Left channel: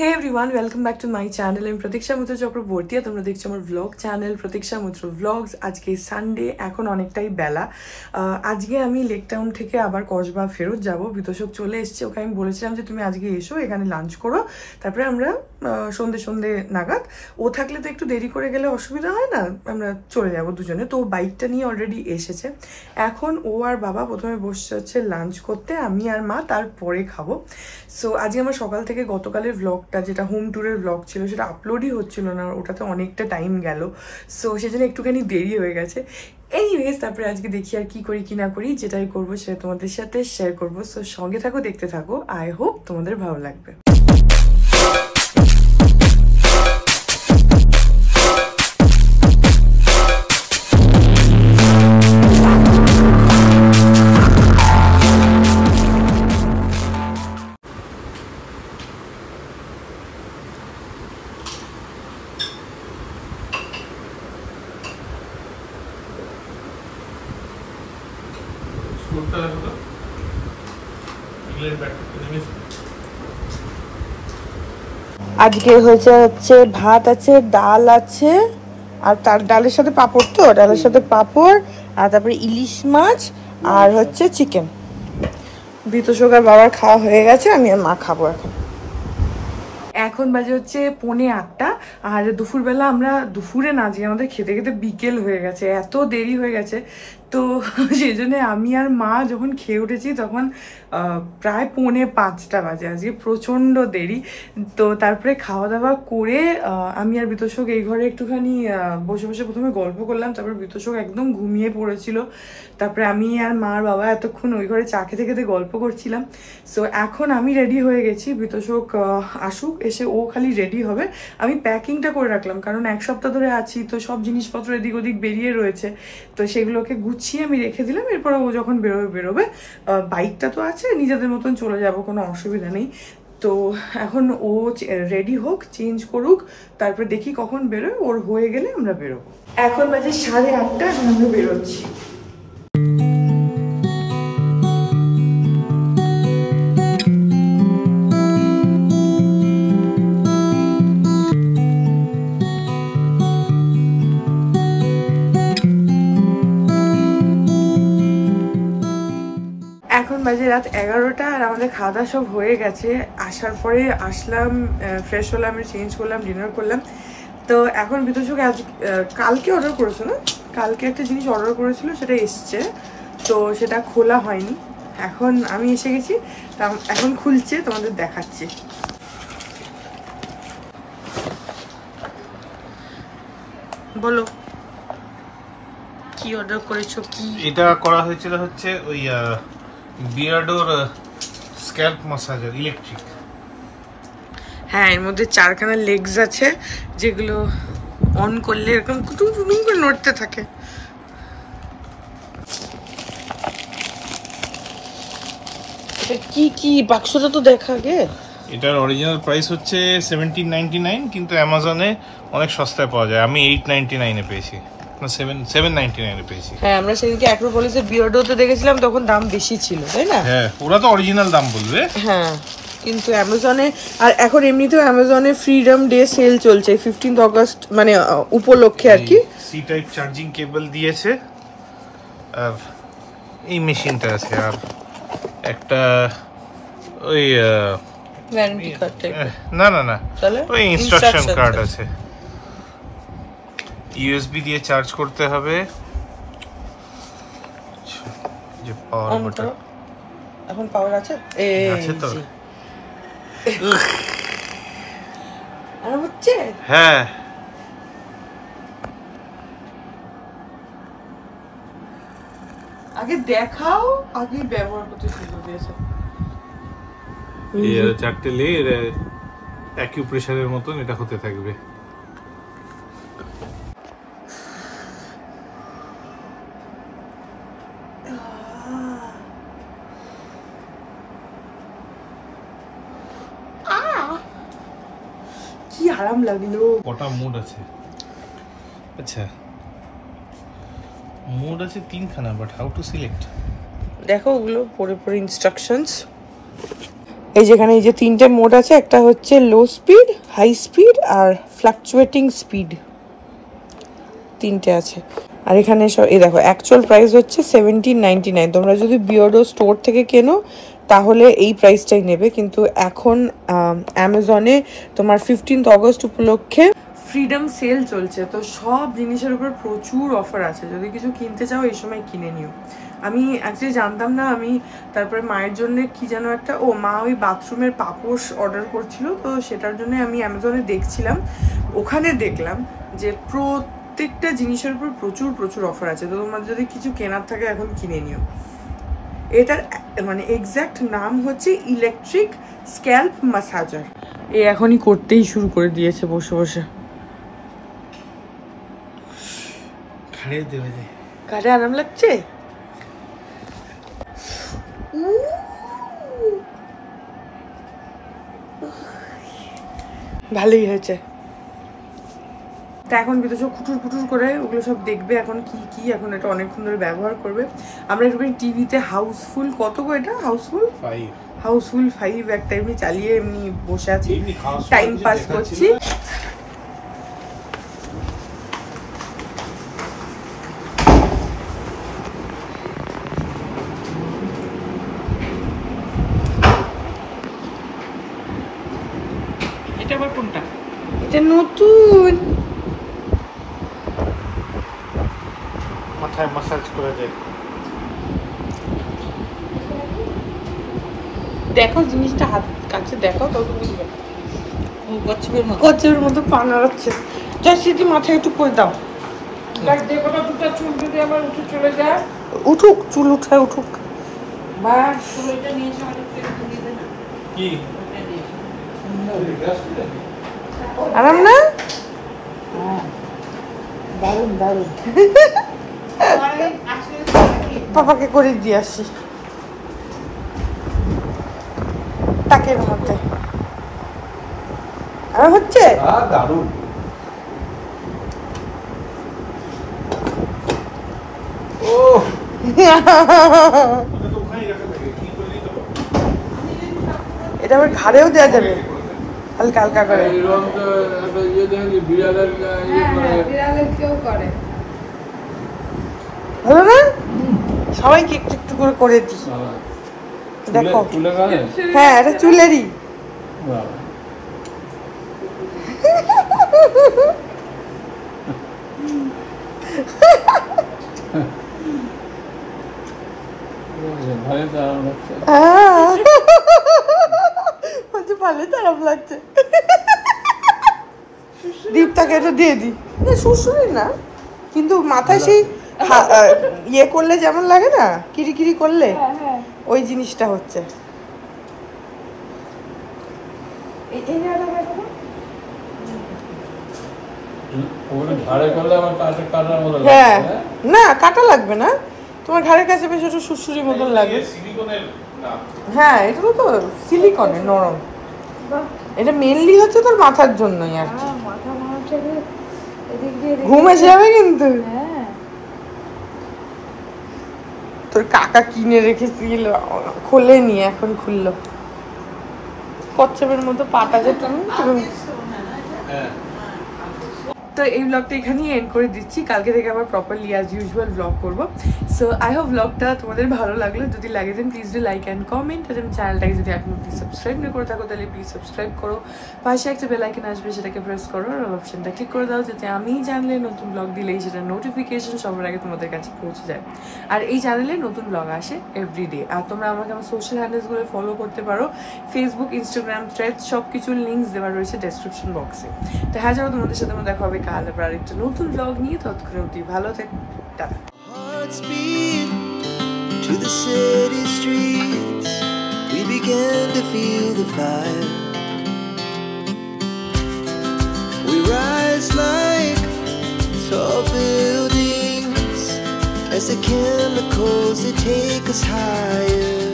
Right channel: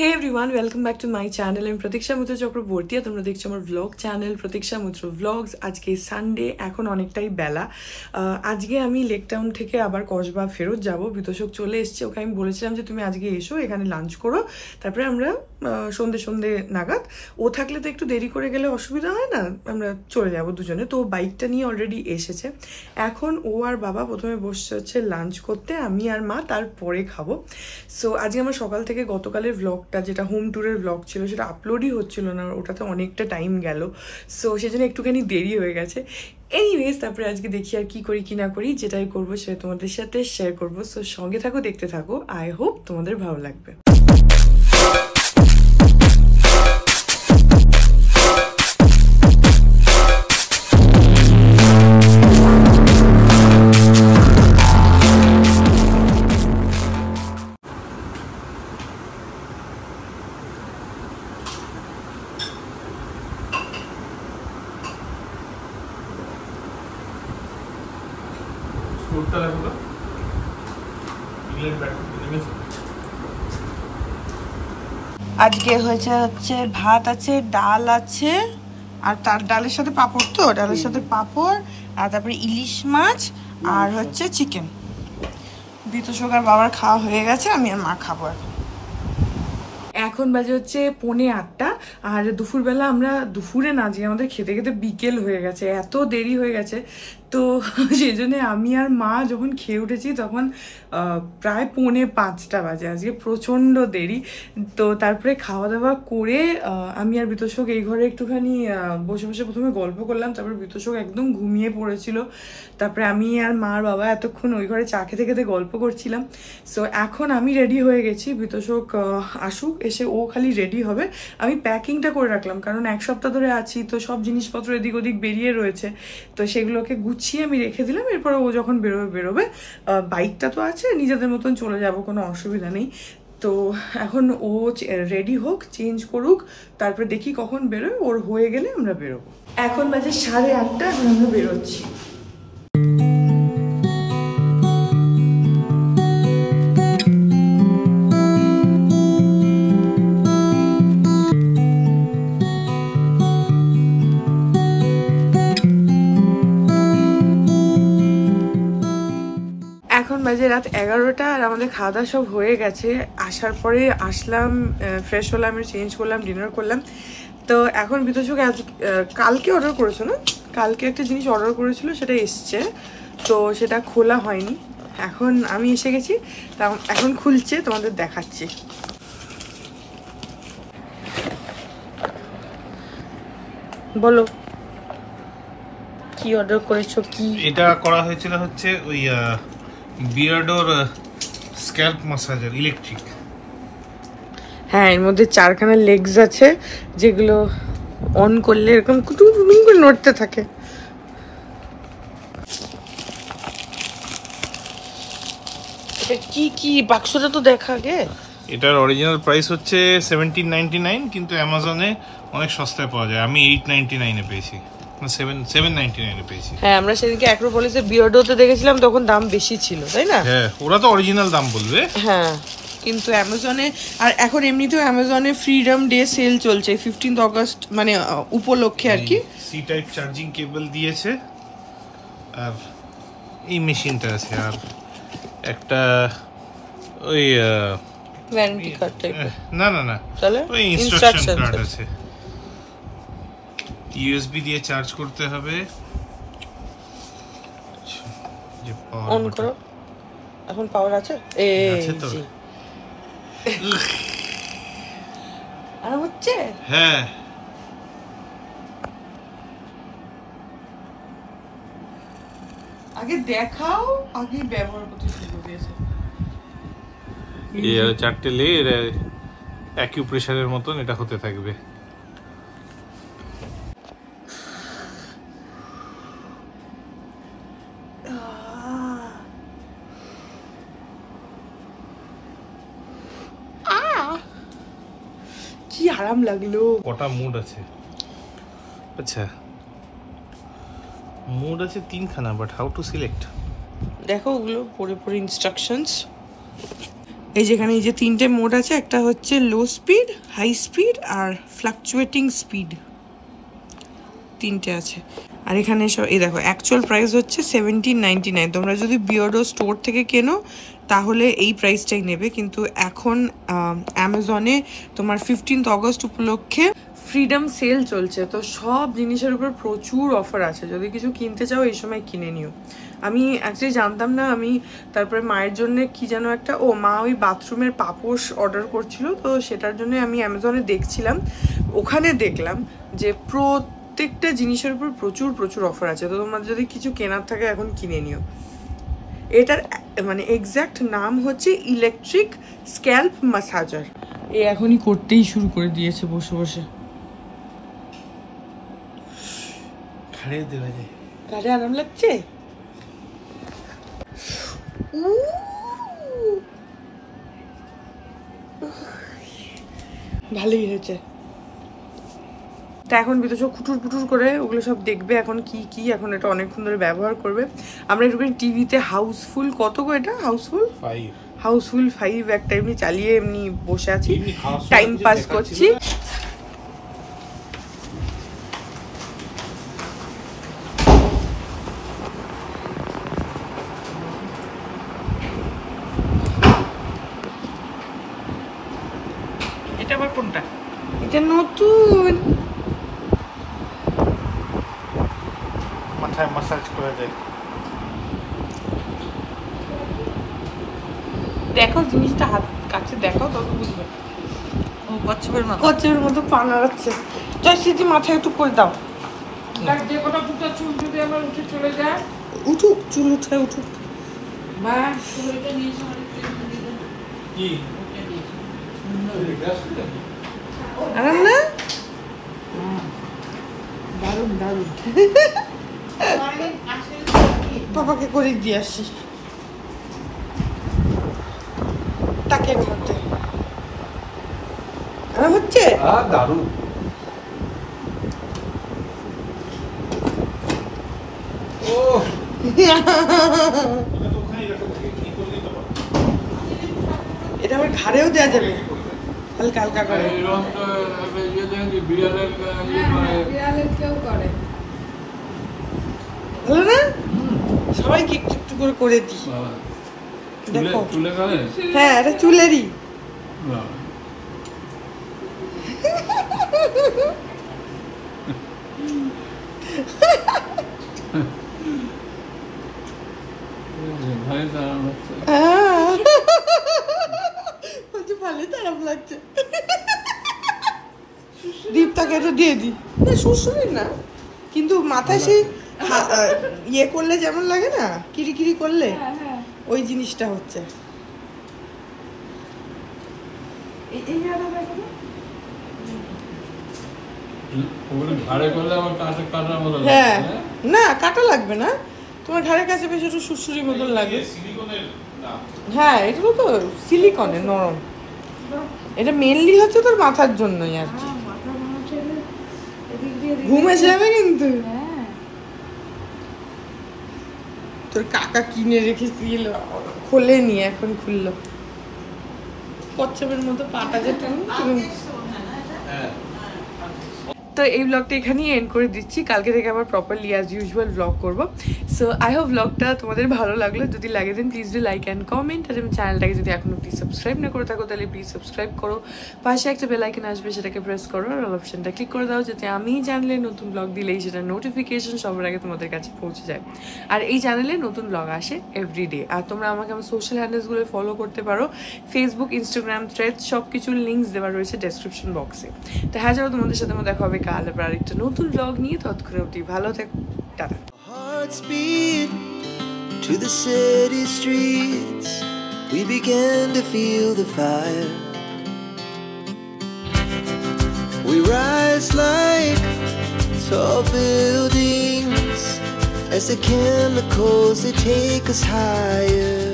Hey everyone, welcome back to my channel. I'm Pratiksha Mitra Chakraborty আর তোমরা দেখছো আমার vlog channel Pratiksha Mitra Vlogs. আজকে Sunday, এখন অনেকটাই বেলা। আজকে আমি লেক টাউন থেকে আবার কসবা ফেরত যাব। বিতোষক চলে এসেছে, ওকে আমি বলেছিলাম যে তুমি আজকে এসো, এখানে লাঞ্চ করো, তারপরে আমরা সন্ধে নাগাদ, ও থাকলে তো একটু দেরি করে গেলে অসুবিধা হয় না, আমরা চলে যাব দুজনে। তো বাইকটা নিয়ে অলরেডি এসেছে। এখন ও আর বাবা প্রথমে বসে হচ্ছে লাঞ্চ করতে, আমি আর মা তারপরে খাবো। সো আজকে আমার সকাল থেকে গতকালের ব্লগটা, যেটা হোম ট্যুরের ব্লগ ছিল, সেটা আপলোডই হচ্ছিল না, ওটাতে অনেকটা টাইম গেল। সো সেজন্য একটুখানি দেরি হয়ে গেছে। এনিওয়েজ, তারপরে আজকে দেখি আর কি করি কি না করি, যেটাই করবো সেটা তোমাদের সাথে শেয়ার করবো। সো সঙ্গে থাকো, দেখতে থাকো। আই হোপ তোমাদের ভালো লাগবে। আজকে হচ্ছে ভাত আছে, ডাল আছে, আর তার ডালের সাথে পাঁপড়, তো ডালের সাথে পাঁপড়, আর তারপরে ইলিশ মাছ, আর হচ্ছে চিকেন। বিতোষক আর বাবার খাওয়া হয়ে গেছে, আমি আর মা খাবো। এখন বাজে হচ্ছে 7:45, আর দুপুরবেলা আমরা দুপুরে না যে আমাদের খেতে খেতে বিকেল হয়ে গেছে, এত দেরি হয়ে গেছে। তো সেই জন্য আমি আর মা যখন খেয়ে উঠেছি তখন প্রায় 4:45 বাজে। আজকে প্রচন্ড দেরি। তো তারপরে খাওয়া দাওয়া করে আমি আর বিতোষক এই ঘরে একটুখানি বসে বসে প্রথমে গল্প করলাম, তারপর বিতোষক একদম ঘুমিয়ে পড়েছিল। তারপরে আমি আর মা আর বাবা এতক্ষণ ওই ঘরে চা খেতে খেতে গল্প করছিলাম। সো এখন আমি রেডি হয়ে গেছি, বিতোষক আসুক, এসে ও খালি রেডি হবে। আমি প্যাকিংটা করে রাখলাম, কারণ এক সপ্তাহ ধরে আছি, তো সব জিনিসপত্র এদিক ওদিক বেরিয়ে রয়েছে, তো সেগুলোকে গুছিয়ে আমি রেখে দিলাম। এরপর ও যখন বেরোবে, বাইকটা তো আছে, নিজেদের মতন চলে যাব, কোনো অসুবিধা নেই। তো এখন ও রেডি হোক, চেঞ্জ করুক, তারপরে দেখি কখন বেরোয়। ওর হয়ে গেলে আমরা বেরোবো। এখন বাজে 8:30, এখন আমরা বেরোচ্ছি। এখন বাজে রাত 11টা, আর আমাদের খাওয়া দাওয়া সব হয়ে গেছে। আসার পরে আসলাম, ফ্রেশ হলাম, চেঞ্জ করলাম, ডিনার করলাম। তো এখন বিতোষক কালকে অর্ডার করেছো না, কালকে একটা জিনিস অর্ডার করেছিল, সেটা এসছে, তো সেটা খোলা হয়নি। এখন আমি এসে গেছি, তা এখন খুলছে, তোমাদের দেখাচ্ছি। বলো কি অর্ডার করেছো? কি এটা করা হয়েছিল হচ্ছে ওই বিয়ার্ডোর স্ক্যাল্প ম্যাসাজার ইলেকট্রিক। হ্যাঁ, এর মধ্যে 4খানা লেগস আছে, যেগুলো অন করলে এরকম কুটুম কুটুম করে নড়তে থাকে। কি বাক্সটা তো দেখা গে। এটার অরিজিনাল প্রাইস হচ্ছে 1799, কিন্তু অ্যামাজনে অনেক সস্তায় পাওয়া যায়। আমি 899 এ পেয়েছি, না 799 এ পেয়েছি। হ্যাঁ, আমরা সেদিনকে অ্যাক্রোপলিসে বিয়ার্ডোতে দেখেছিলাম, তখন দাম বেশি ছিল, তাই না? হ্যাঁ, ওরা তো অরিজিনাল দাম বলবে। হ্যাঁ, কিন্তু অ্যামাজনে, আর এখন এমনিতেও অ্যামাজনে ফ্রিডম ডে সেল চলছে 15 আগস্ট, মানে উপলক্ষে আর কি। সি টাইপ চার্জিং কেবল দিয়েছে, আর এই মেশিনটা আছে, আর একটা ওই ওয়ারেন্টি কার্ড টাইপ, না ওই ইনস্ট্রাকশন কার্ড আছে। ইউএসবি দিয়ে চার্জ করতে হবে। যে পাওয়ার বাটন, এখন পাওয়ার আছে, আছে তো। আর হচ্ছে, হ্যাঁ, আগে দেখাও, আগে ব্যবহার করতে শুরু করেছে। এই 4টে লেয়ার অ্যাকিউপ্রেশারের মতন এটা হতে থাকবে। কি আরাম লাগলো। কটা মুড আছে? আচ্ছা, মুড আছে 3খানা, বাট হাউ টু সিলেক্ট? দেখো ওগুলো পরে ইনস্ট্রাকশনস। এই যেখানে এই যে 3টে মোড আছে, একটা হচ্ছে লো স্পিড, হাই স্পিড আর ফ্লাকচুয়েটিং স্পিড, 3টে আছে। আর এখানে সব এই দেখো অ্যাকচুয়াল প্রাইস হচ্ছে 1799। তোমরা যদি বিয়ার্ডো স্টোর থেকে কেনো তাহলে এই প্রাইসটাই নেবে, কিন্তু এখন অ্যামাজনে তোমার 15th অগস্ট উপলক্ষে ফ্রিডম সেল চলছে, তো সব জিনিসের উপর প্রচুর অফার আছে। যদি কিছু কিনতে চাও এই সময় কিনে নিও। আমি অ্যাকচুয়ালি জানতাম না, আমি তারপরে মায়ের জন্য কি যেন একটা মা ওই বাথরুমের পাপোশ অর্ডার করছিল, তো সেটার জন্য আমি অ্যামাজনে দেখছিলাম, ওখানে দেখলাম যে প্রত্যেকটা জিনিসের উপর প্রচুর প্রচুর অফার আছে। তো তোমার যদি কিছু কেনার থাকে এখন কিনে নিও। এটার মানে এক্স্যাক্ট নাম হচ্ছে ইলেকট্রিক স্ক্যাল্প ম্যাসাজার। এ এখনই করতেই শুরু করে দিয়েছে বসে বসে। ঘাড়ে আরাম লাগছে? ভালোই হয়েছে। তা এখন বিতোষ খুটুর পুটুর করে ওগুলো সব দেখবে এখন কি কি, এখন এটা অনেকক্ষণ ধরে ব্যবহার করবে। আমরা একটুখানি টিভিতে হাউসফুল, কত গো এটা হাউসফুল 5 একটা এমনি চালিয়ে এমনি বসে আছি, টাইম পাস করছি। এটা আবার কোনটা? এটা নতুন, মাথায় মাসাজ করে দেয়। দেখো জিনিসটা হাত কাছে দেখো তবে বুঝবে। কচ্ছপের মতো পা নাড়াচ্ছে। যাই সিদ্ধি মাথায় একটু করে দাও। চুল যদি আমার উঠে চলে যায়, উঠুক, চুল উঠায় উঠুক। আরাম না? দারুন দারুন। পাপাকে করে দিয়ে আসি টাকের মধ্যে। আর হচ্ছে দারুন। এটা আবার ঘাড়েও দেওয়া যাবে হালকা হালকা করে। ভালো না? সবাইকে একটু একটু করে করে দিই। দেখো হ্যাঁ এটা চুলেরই। ভালো তো আরাম লাগছে। দীপটাকে এটা দিয়ে দিই। শ্বশুরি না কিন্তু মাথায় সেই ইয়ে করলে যেমন লাগে না, কিরিকিরি করলে ওই জিনিসটা হচ্ছে। হ্যাঁ না কাটা লাগবে না, তোমার ঘাড়ের কাছে বেশ একটু সুসুরি মতন লাগে। হ্যাঁ এগুলো তো সিলিকনের নরম, এটা মেনলি হচ্ছে তোর মাথার জন্যই আর কি। ঘুম এসে যাবে কিন্তু। তোর কাকা কিনে রেখেছিল, খোলেনি, এখন খুললো। কচ্ছপের মতো পাটা যে তুমি। তো এই ব্লগটা এখানেই এন্ড করে দিচ্ছি। কালকে থেকে আবার প্রপারলি অ্যাজ ইউজুয়াল ব্লগ করবো। সো আই হোপ ব্লগটা তোমাদের ভালো লাগলো। যদি লাগে then please do like and comment. আর চ্যানেলটাকে যদি এখনো প্লিজ সাবস্ক্রাইব না করে থাকো তাহলে প্লিজ সাবস্ক্রাইব করো। পাশে একটা বেল আইকন আসবে, সেটাকে প্রেস করো আর অল অপশনটা ক্লিক করে দাও, যাতে আমি চ্যানেলে নতুন ব্লগ দিলেই সেটা নোটিফিকেশন সবার আগে তোমাদের কাছে পৌঁছে যায়। আর এই চ্যানেলে নতুন ব্লগ আসে এভরিডে। আর তোমরা আমাকে আমার সোশ্যাল হ্যান্ডেলসগুলো ফলো করতে পারো, ফেসবুক, ইনস্টাগ্রাম, থ্রেডস, সব কিছুর লিঙ্কস দেওয়া রয়েছে ডেসক্রিপশন বক্সে। তো হ্যাঁ যাবো, তোমাদের সাথে আমার দেখা হবে কাল আবার আরেকটা নতুন ব্লগ নিয়ে। ততক্ষণ অবধি ভালো থেকো, tata. Hearts beat to the city streets. We began to feel the fire. We rise like tall buildings as the chemicals they take us higher.